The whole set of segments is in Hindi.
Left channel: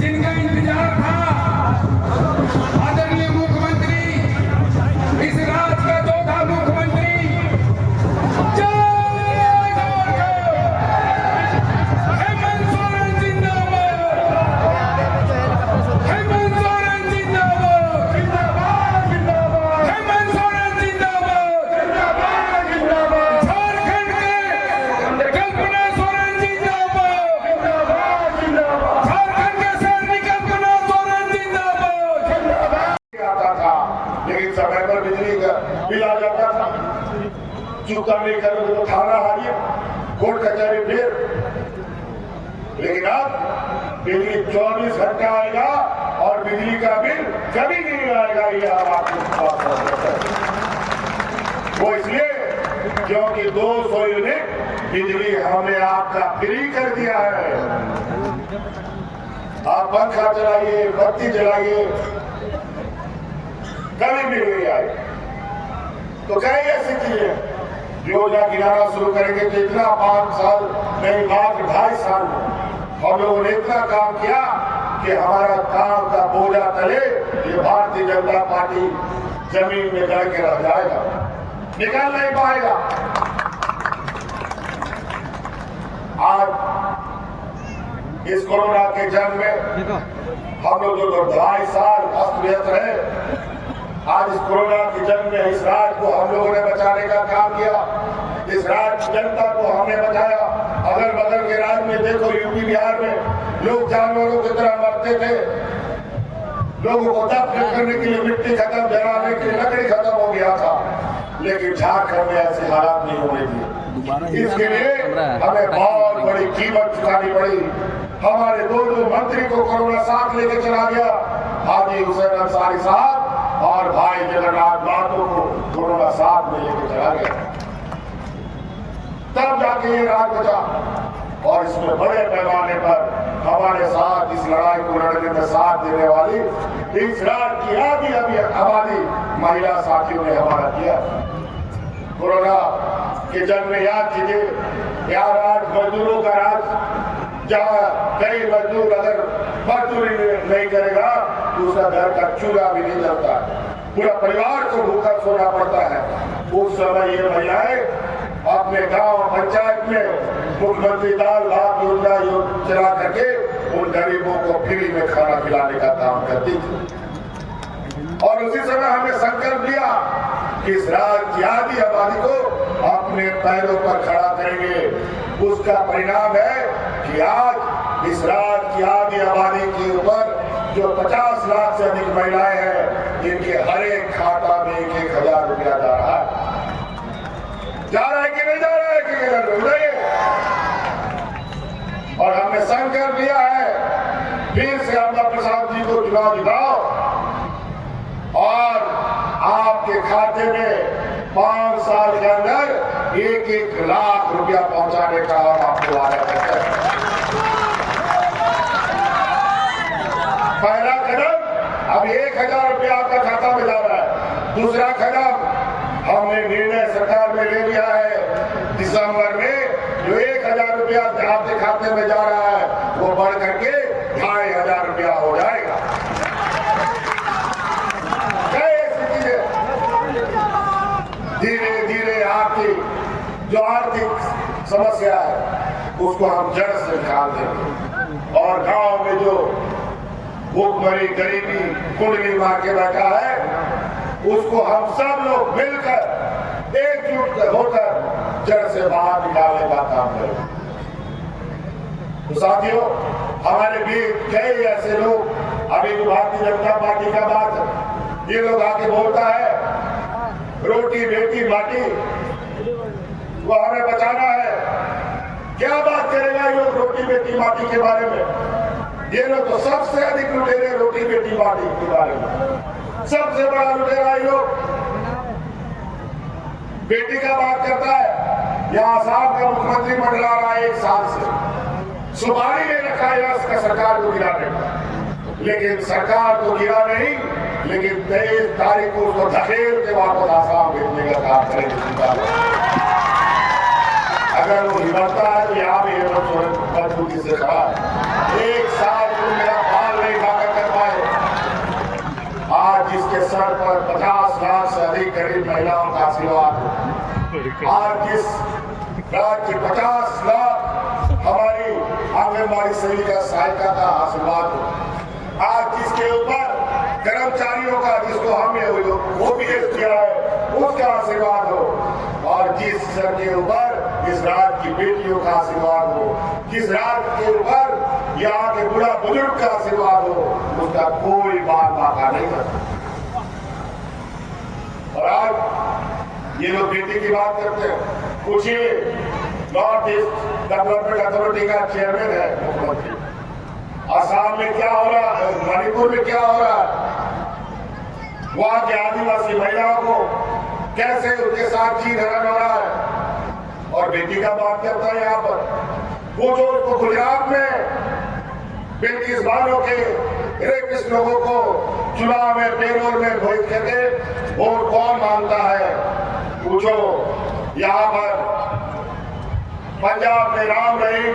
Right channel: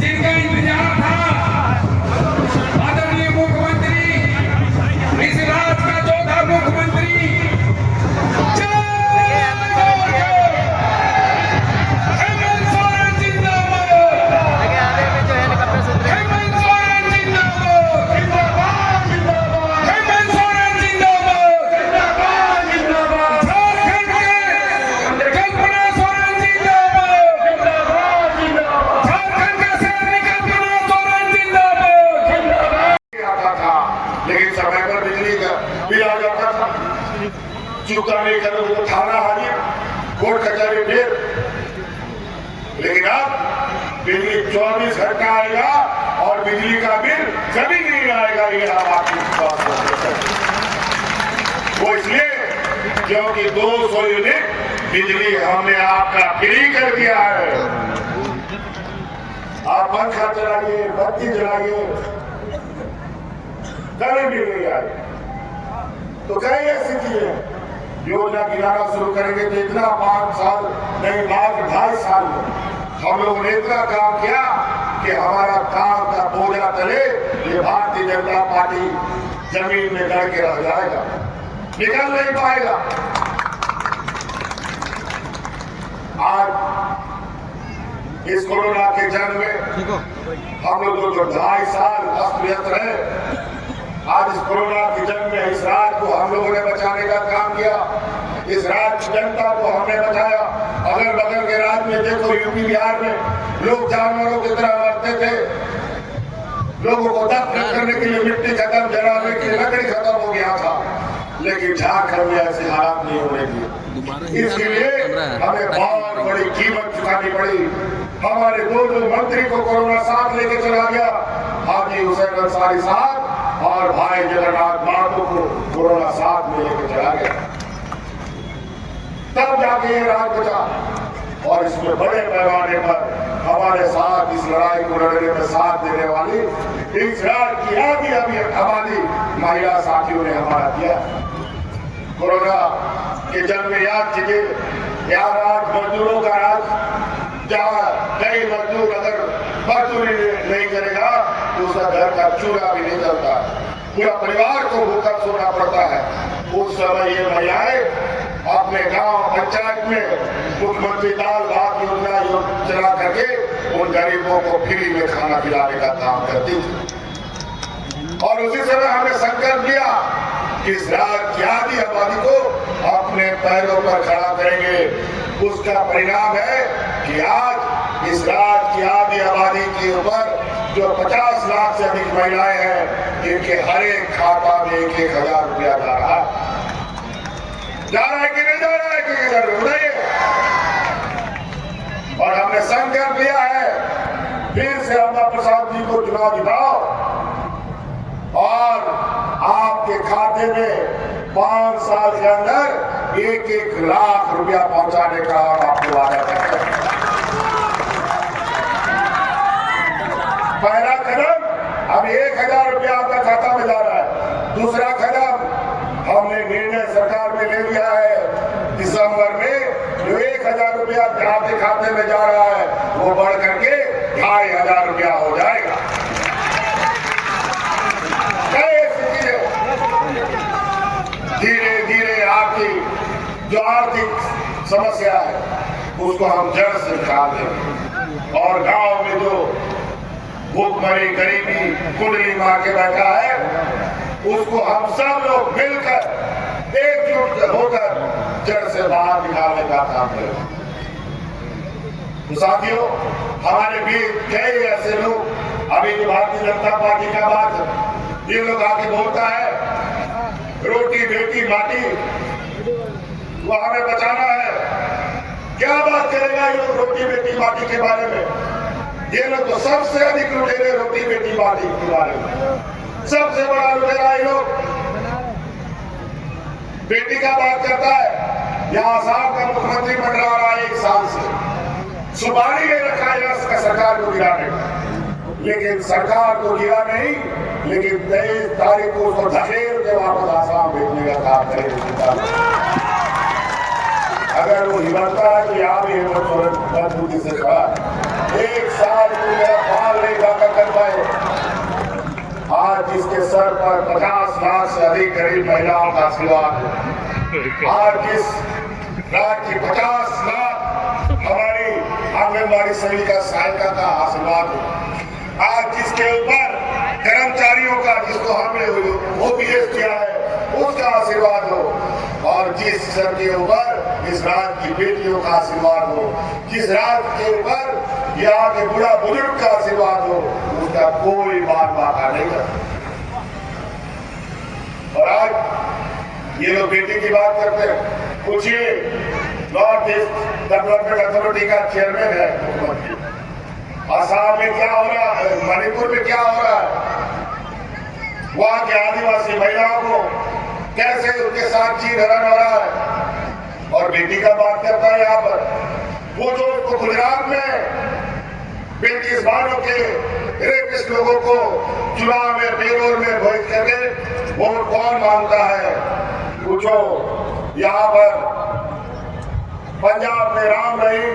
जिनका इंतजार था, आदरणीय मुख्यमंत्री, इस राज्य का चौथा मुख्यमंत्री, हेमंत सोरेन जिंदाबाद, हेमंत सोरेन जिंदाबाद, हेमंत सोरेन जिंदाबाद, झारखंड के कल्पना सोरेन जिंदाबाद, झारखंड का शहरी कल्पना सोरेन जिंदाबाद। आता था लेकिन समय पर बिजली का बिल आ जाता था, चुकता नहीं कर वो थाना हाजिर, कोर्ट कचहरी फिर। लेकिन अब बिजली 24 घंटा आएगा और बिजली का बिल कभी नहीं आएगा। ये आपकी बात है। वो इसलिए क्योंकि 200 यूनिट बिजली हमने आपका फ्री कर दिया है। आप पंखा चलाइए, बत्ती जलाइए, कभी भी नहीं आए। तो कई ऐसी चीजें योजना गिनाना शुरू करेंगे तो इतना 5 साल नहीं, मात्र 2.5 साल हम लोगों ने इतना काम किया कि हमारा काम का बोझा तले ये भारतीय जनता पार्टी जमीन में गड़ के रह जाएगा, निकल नहीं पाएगा। आज इस कोरोना के जंग में हम लोग 2.5 साल अस्त व्यस्त रहे। आज इस कोरोना की जंग में इस राज्य को हम लोगों ने बचाने का काम किया, इस राज्य की जनता को हमने बचाया। अगल बगल के राज्य में देखो, यूपी बिहार में लोग जानवरों की तरह मरते थे, लोगों को दफन करने के लिए मिट्टी खत्म, जलाने के लिए लकड़ी खत्म हो गया था, लेकिन झारखंड में ऐसे हालात नहीं होने दिए। इसके लिए हमें बहुत बड़ी कीमत चुकानी पड़ी। हमारे दो मंत्री को कोरोना साथ लेके चला गया, हाजी हुसैन अंसारी साहब और भाई जगन्नाथ माथुर को कोरोना साथ में लेके चला गया, तब जाके ये राज बचा। और इसमें बड़े पैमाने पर हमारे साथ इस लड़ाई को लड़ने में साथ देने वाली इस राज्य की आबादी महिला साथियों ने हमारा किया। कोरोना के जंग में याद कीजिए, यहाँ राज मजदूरों का राज, जहाँ कई मजदूर अगर मजदूरी नहीं करेगा तो उसका घर का चूल्हा भी नहीं जलता, पूरा परिवार को भूखा सोना पड़ता है। उस समय ये महिलाएं अपने गांव पंचायत में मुख्यमंत्री दाल भात योजना चला करके उन गरीबों को फ्री में खाना खिलाने का काम करती थी। और उसी समय हमने संकल्प लिया कि इस राज्य की आधी आबादी को अपने पैरों पर खड़ा करेंगे। उसका परिणाम है कि आज इस राज्य की आधी आबादी के ऊपर जो 50 लाख से अधिक महिलाएं हैं, इनके हर एक खाता में 1,000 रुपया जा रहा है। जा रहा है कि नहीं जा रहा है कि बताइए। और हमने संकल्प लिया है फिर से अम्मा प्रसाद जी को चुनाव दिलाओ और आपके खाते में 5 साल के अंदर 1-1 लाख रुपया पहुंचाने का हम आपको वादा करते हैं। पहला कदम अब 1,000 रुपया आपका खाता में जा रहा है। दूसरा कदम हमने निर्णय सरकार में ले लिया है, दिसंबर में जो 1,000 रुपया आपके खाते में जा रहा है वो बढ़ करके 2,500 रुपया हो जाएगा। धीरे धीरे आपकी जो आर्थिक समस्या है उसको हम जड़ से निकाल देंगे और गांव में जो भूखमरी गरीबी कुंडली मार के बैठा है उसको हम सब लोग मिलकर एकजुट होकर जड़ से बाहर निकालने का काम करेंगे। तो साथियों, हमारे बीच कई ऐसे लोग, अभी जो भारतीय जनता पार्टी का बात ये लोग आके बोलता है रोटी बेटी माटी, वो हमें बचाना है। क्या बात करेगा ये लोग रोटी बेटी माटी के बारे में? ये लोग तो सबसे अधिक लुटेरे रोटी बेटी माटी के बारे में, सबसे बड़ा लुटेरा ये लोग। बेटी का बात करता है, यहाँ साहब का मुख्यमंत्री मंडला रहा है 1 साल से, सुपारी ले रखा है सरकार को गिराने का, लेकिन सरकार को गिरा नहीं, लेकिन 23 तारीख को उसको धकेल के वापस आसाम भेजने का काम करेंगे। अगर वो हिम्मत है तो यहाँ भी हिम्मत मजबूती से खड़ा है। एक साल तुम मेरा बाल नहीं ढका कर पाए। आज जिसके सर पर 50 लाख से अधिक गरीब महिलाओं का आशीर्वाद, आज जिस राज्य 50 लाख हमारी आंगनबाड़ी सेविका सहायिका का आशीर्वाद हो, आज जिसके ऊपर कर्मचारियों का, जिसको हमने ओपीएस दिया है, उसका आशीर्वाद हो, और जिस सर के ऊपर इस राज्य की बेटियों का आशीर्वाद हो, जिस राज्य के ऊपर यहाँ के बुढ़ा बुजुर्ग का आशीर्वाद हो, उसका कोई बात बाका नहीं करता। और आज ये लोग बेटी की बात करते हैं। पूछिए, नॉर्थ ईस्ट डेवलपमेंट अथॉरिटी का चेयरमैन है मुख्यमंत्री, असम में क्या हो रहा है, मणिपुर में क्या हो रहा है, वहां के आदिवासी महिलाओं को कैसे उनके साथ जी धरा हो रहा है, और बेटी का बात करता है यहाँ पर। वो जो उसको गुजरात में 35 मानों के रेपिस्ट लोगों को चुनाव में पेरोल में भेज करके वोट कौन मांगता है, पूछो। यहाँ पर पंजाब में राम रहीम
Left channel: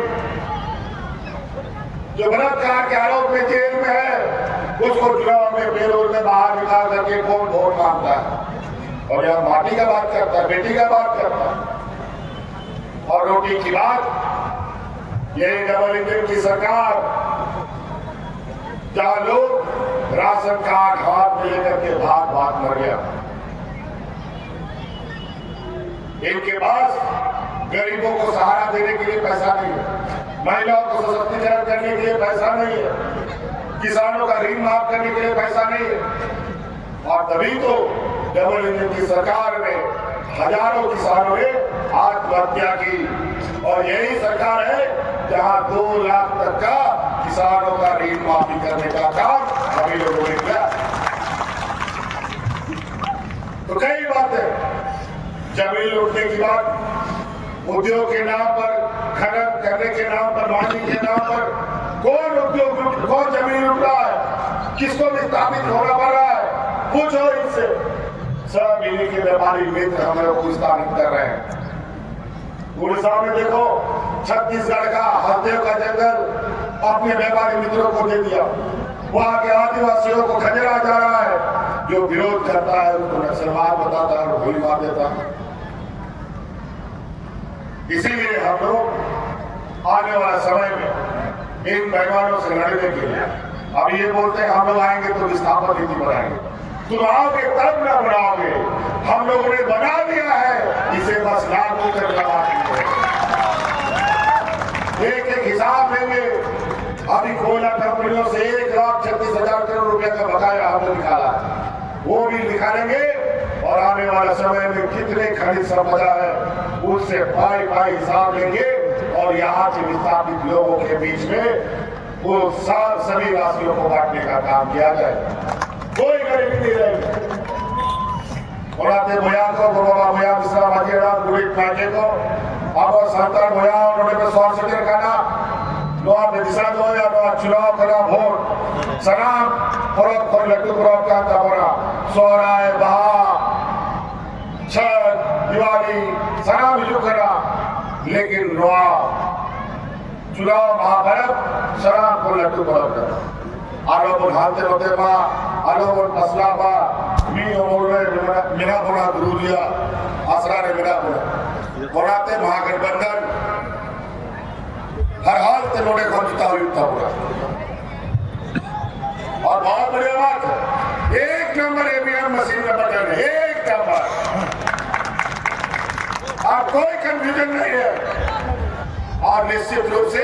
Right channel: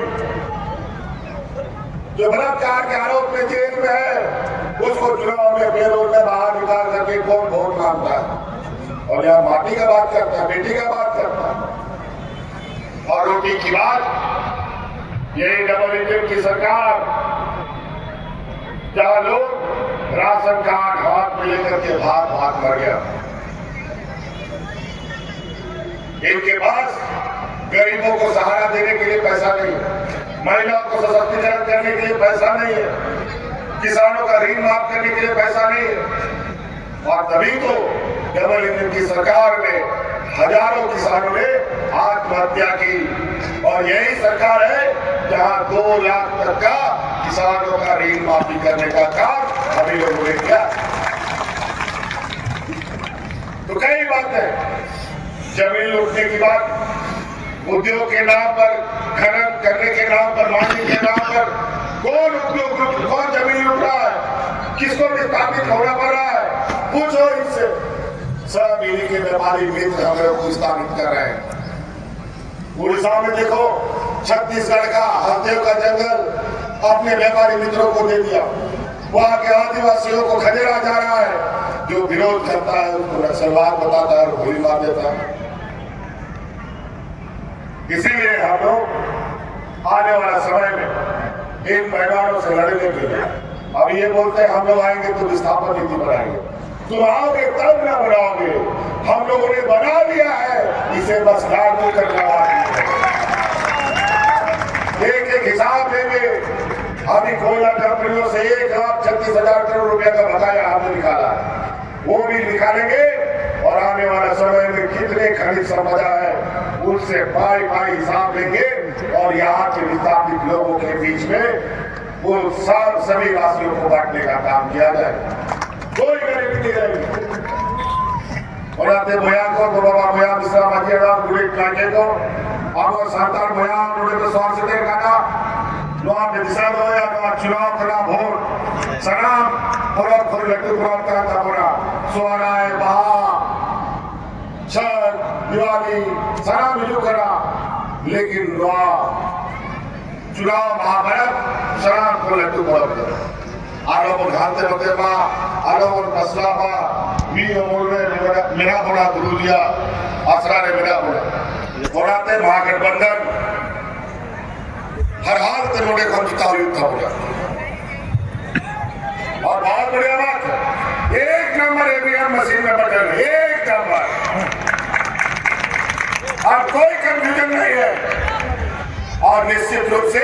जो बलात्कार के आरोप में जेल में है, उसको चुनाव में पेरोल में बाहर निकाल करके कौन वोट मांगता है। और यहाँ माटी का बात करता है, बेटी का बात करता है। और रोटी की बात, यही डबल इंजन की सरकार, जहां लोग राशन कार्ड हाथ में लेकर के भाग भाग मर गया। इनके पास गरीबों को सहारा देने के लिए पैसा नहीं है, महिलाओं को सशक्तिकरण करने के लिए पैसा नहीं है, किसानों का ऋण माफ करने के लिए पैसा नहीं है। और तभी तो डबल इंजन की सरकार में हजारों किसानों ने आत्महत्या की, और यही सरकार है जहां 2 लाख तक का किसानों का ऋण माफी करने का काम अभी लोगों ने किया। तो कई बातें, जमीन लूटने की बात, उद्योग के नाम पर, खनन करने के नाम पर, मांगने के नाम पर कौन उद्योग, कौन जमीन लूट रहा है, किसको विस्थापित होना पड़ रहा है, पूछो इनसे। सब इन्हीं के व्यापारी मित्र हमें को स्थापित कर रहे हैं। उड़ीसा में देखो, छत्तीसगढ़ का हरदेव का जंगल अपने व्यापारी मित्रों को दे दिया, वहां के आदिवासियों को खदेड़ा जा रहा है। जो विरोध करता है उसको नक्सलवाद बताता है और गोली मार देता है। इसीलिए हम लोग आने वाले समय में इन पैमानों से लड़ने के लिए, अब ये बोलते हैं हम लोग आएंगे तो विस्थापन नीति बनाएंगे, तुम आओगे तब ना बनाओगे, हम लोगों ने बना लिया है, इसे बस लागू करने वाले एक एक हिसाब देंगे। अभी कोयला कंपनियों से 1,36,000 करोड़ रुपए का बकाया हमने निकाला है, वो भी निकालेंगे। और आने वाले समय में कितने खनिज संपदा है उससे पाई पाई हिसाब लेंगे, और यहाँ के विस्थापित लोगों के बीच में वो सभी राशियों को बांटने का काम किया जाए। कोई गरीबी नहीं रहेगी। और आपने भैया को बाबा भैया मिश्रा माजिएगा बुलेट माजे को अब सरदार भैया उन्होंने स्वास्थ्य के खाना नोआ दिशा दो या चुनाव करा भोट सनाम फरोख फर लट्टू पुराव का तबरा सोहराय बहा छठ दिवाली सनाम हिजू करा, लेकिन नोआ चुनाव महाभारत सनाम को लट्टू पुराव करा आरोपन हाथे होते बा आरोपन फसला बा मी अमोल में मेरा बड़ा गुरुलिया आसरा ने मेरा बड़ा बनाते महागठबंधन हर हाल तनोड़े को जिताओ युद्ध होगा। और बहुत बढ़िया बात है, 1 नंबर ईवीएम मशीन में बटन, 1 नंबर, और कोई कंफ्यूजन नहीं है। और निश्चित रूप से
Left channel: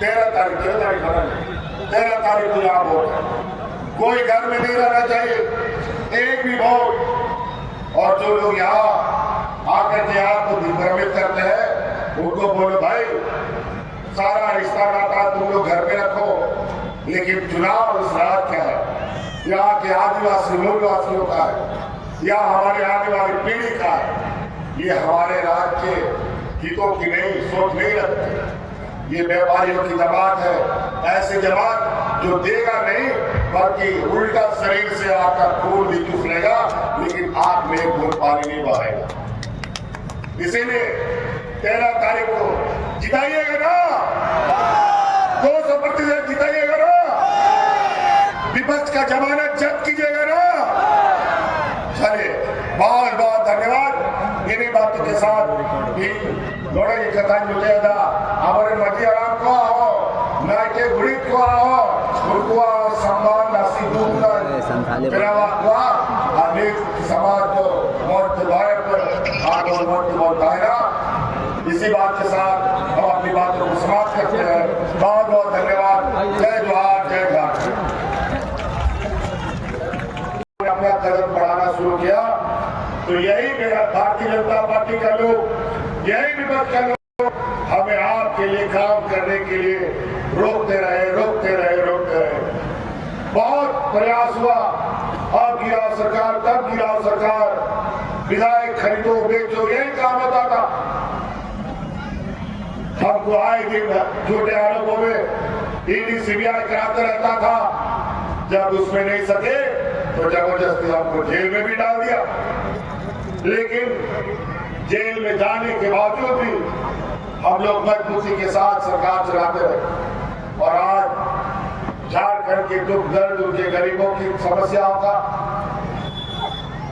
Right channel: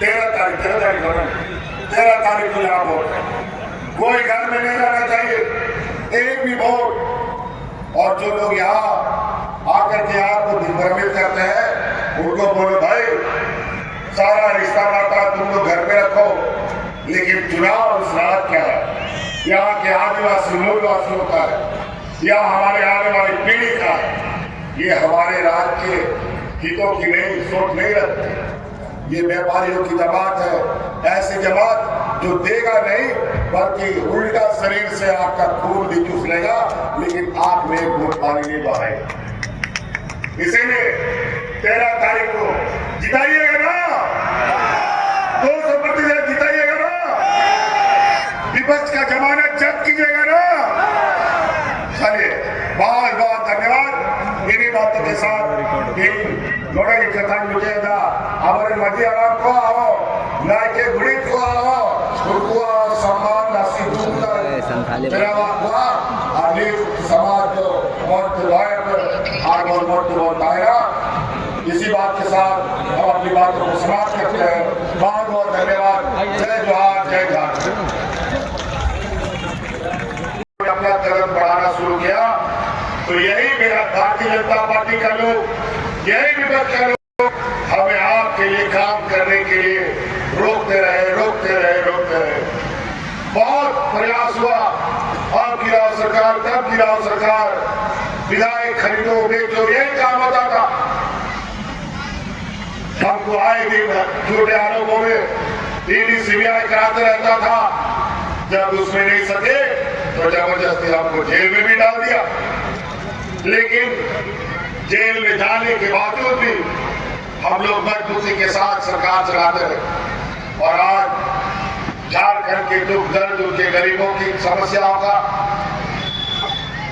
13 तारीख को यहाँ वोट, कोई घर में नहीं रहना चाहिए, एक भी वोट। और जो लोग यहाँ आकर के आपको दिग्भ्रमित करते हैं उनको बोलो भाई सारा रिश्ता नाता तुम लोग घर में रखो, लेकिन चुनाव और स्वाद क्या है, यहाँ के आदिवासी मूलवासियों का है, या हमारे आने वाली पीढ़ी का है। ये हमारे राज्य के हितों की नहीं सोच नहीं रखते। ये व्यापारियों की जमात है, ऐसी जमात जो देगा नहीं बल्कि उल्टा शरीर से आपका खून भी चूस लेगा, लेकिन आंख में एक बूंद पानी नहीं बहाएगा। इसीलिए 13 तारीख को जिताइएगा ना, 200% जिताइएगा ना, विपक्ष का जमानत जब्त कीजिएगा ना। चलिए, बहुत बहुत धन्यवाद। इन्हीं बातों के साथ ನೋಡಲಿ ಕಥಾ ವಿಜಯದ ಅವರ ಮಧ್ಯೆ को आओ नाइके गुड़ी को आओ उनको सम्मान नसीबूत चलावा हुआ अनेक समाज को मत लॉयर और मत दायरा। इसी बात के साथ हम अपनी बातों को समाप्त करते हैं। बहुत बहुत धन्यवाद। जय जोहार, जय भारत। अपना कदम बढ़ाना शुरू किया तो यही मेरा भारतीय जनता पार्टी का लोग, यही विपक्ष का लोग हमें आपके लिए काम करने के लिए रोकते रहे। बहुत प्रयास हुआ, अब गिराओ सरकार, तब गिराओ सरकार, विधायक खरीदो बेचो, यही काम होता था। हमको आए दिन झूठे आरोपों में ईडी सीबीआई कराते रहता था। जब उसमें नहीं सके तो जबरदस्ती हमको जेल में भी डाल दिया। लेकिन जेल में जाने के बावजूद भी हम लोग मजबूती के साथ सरकार चलाते रहे और आज झारखंड के दुख दर्द, उनके गरीबों की समस्याओं का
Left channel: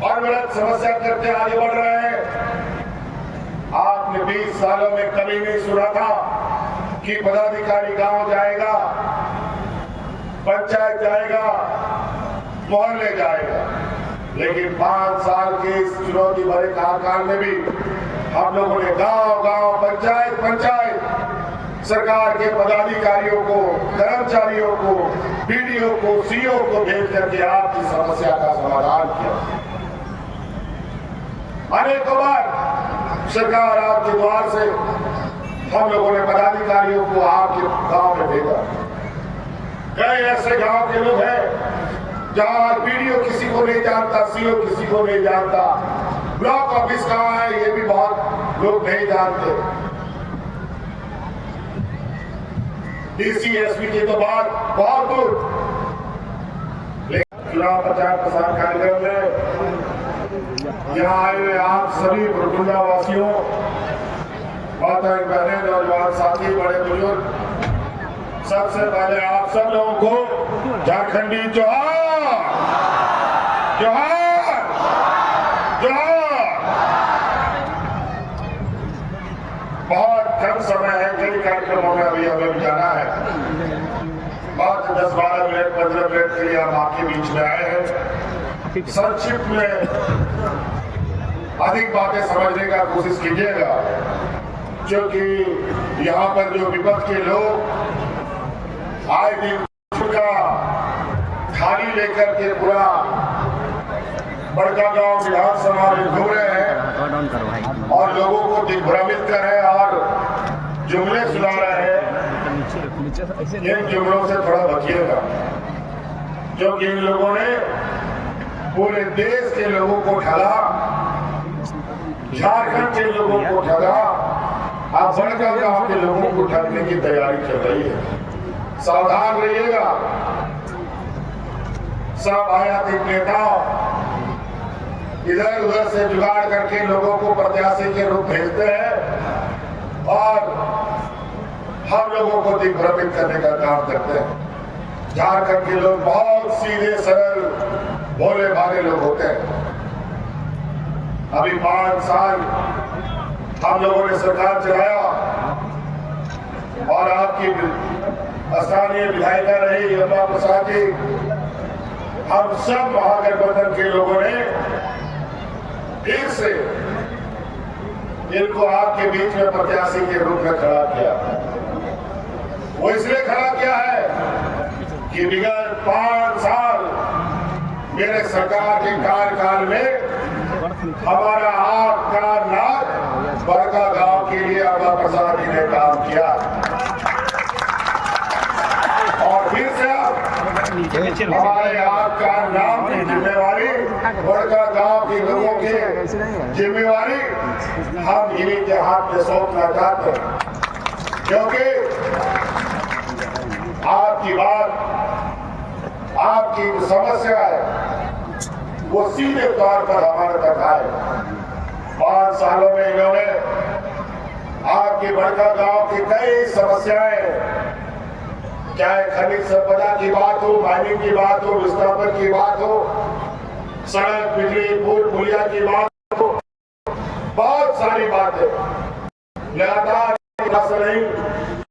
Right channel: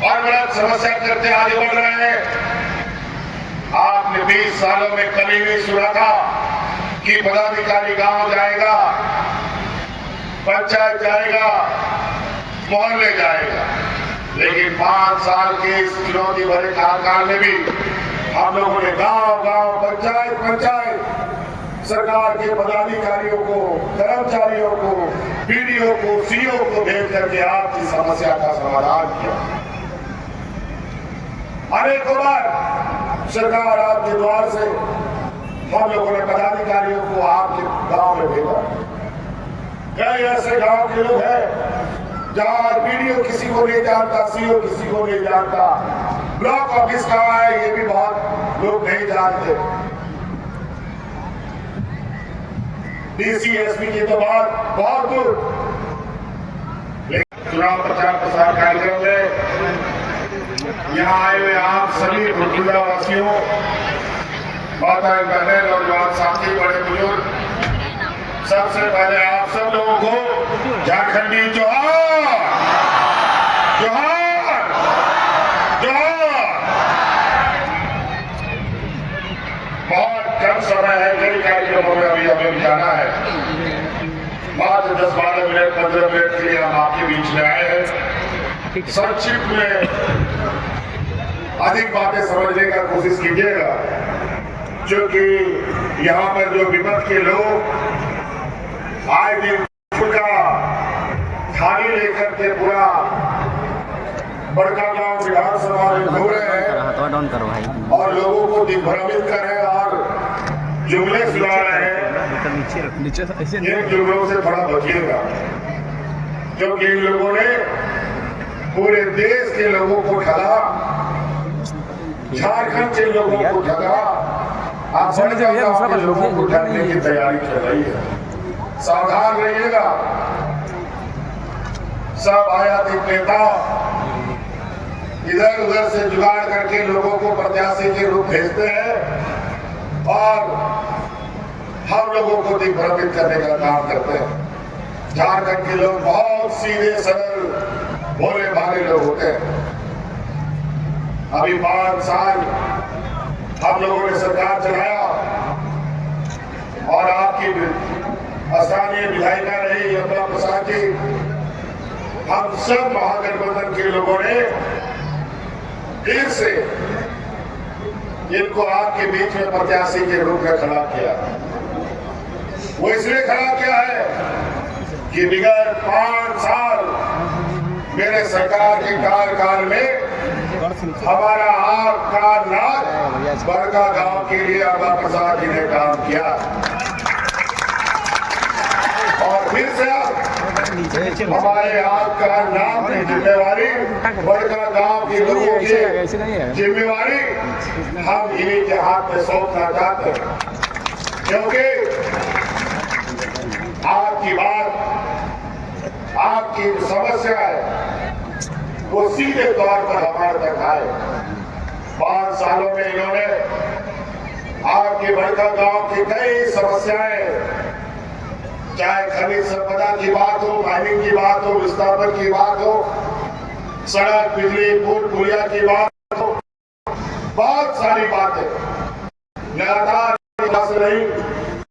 अनवरत समस्या करते आगे बढ़ रहे हैं। आपने 20 सालों में कभी नहीं सुना था कि पदाधिकारी गांव जाएगा, पंचायत जाएगा, मोहल्ले जाएगा। लेकिन 5 साल के इस चुनौती भरे कार्यकाल में भी हम लोगों ने गांव पंचायत सरकार के पदाधिकारियों को, कर्मचारियों को, बीडीओ को, सीओ को भेज करके आपकी समस्या का समाधान किया। अनेकों बार सरकार आपके द्वार से हम लोगों ने पदाधिकारियों को आपके गांव में भेजा। कई ऐसे गांव के लोग हैं जहां बीडीओ किसी को नहीं जानता, सीओ किसी को नहीं जानता, ब्लॉक ऑफिस कहाँ है ये भी बहुत लोग नहीं जानते। डीसी एसपी की तो बात बहुत दूर। लेकिन चुनाव प्रचार प्रसार कार्यक्रम में यहाँ आए हुए आप सभी भुरकुंडा वासियों, माताएं बहनें और साथी, बड़े बुजुर्ग, सबसे पहले आप सब लोगों को झारखंडी जोहार, जोहार, जोहार। बहुत कम समय है, कई कार्यक्रमों में अभी हमें जाना है। मात्र 10-12 मिनट 15 मिनट के लिए हम आपके बीच में आए हैं। संक्षिप्त में अधिक बातें समझने का कोशिश कीजिएगा, क्योंकि यहाँ पर जो विपक्ष के लोग आए दिन का थाली लेकर के पूरा बड़का गांव विधानसभा में घूम रहे हैं और लोगों को दिग्भ्रमित कर रहे हैं और जुमले सुना रहे हैं। इन जुमलों से थोड़ा बचिएगा, क्योंकि इन लोगों ने पूरे देश के लोगों को ठगा, झारखंड के लोगों को ठगा, आज बड़े गांव के लोगों को ठगने की तैयारी चल रही है। सावधान रहिएगा। सब आयातित नेता इधर उधर से जुगाड़ करके लोगों को प्रत्याशी के रूप भेजते हैं और हम लोगों को दिग्भ्रमित करने का काम करते हैं। झारखंड के लोग बहुत सीधे सरल भोले भाले लोग होते हैं। अभी 5 साल हम लोगों ने सरकार चलाया और आपकी स्थानीय विधायिका रही यमुना प्रसाद जी, हम सब महागठबंधन के लोगों ने फिर से इनको आपके बीच में प्रत्याशी के रूप में खड़ा किया। वो इसलिए खड़ा किया है कि विगत 5 साल मेरे सरकार के कार्यकाल में हमारा आग का नाक बड़का गांव के लिए यमुना प्रसाद जी ने काम किया और फिर से हमारे आपका नाम की जिम्मेवारी, बड़का गांव के लोगों की जिम्मेवारी हम इन्हीं के हाथ में सौंपना चाहते हैं, क्योंकि आपकी बात, आपकी समस्या है वो सीधे तौर पर हमारे तक आए। 5 सालों में इन्होंने आपकी बड़का गांव की कई समस्याएं, चाहे खनिज संपदा की बात हो, माइनिंग की बात हो, विस्थापन की बात हो, सड़क, बिजली, पुल पुलिया की बात हो, बहुत सारी बातें लगातार रही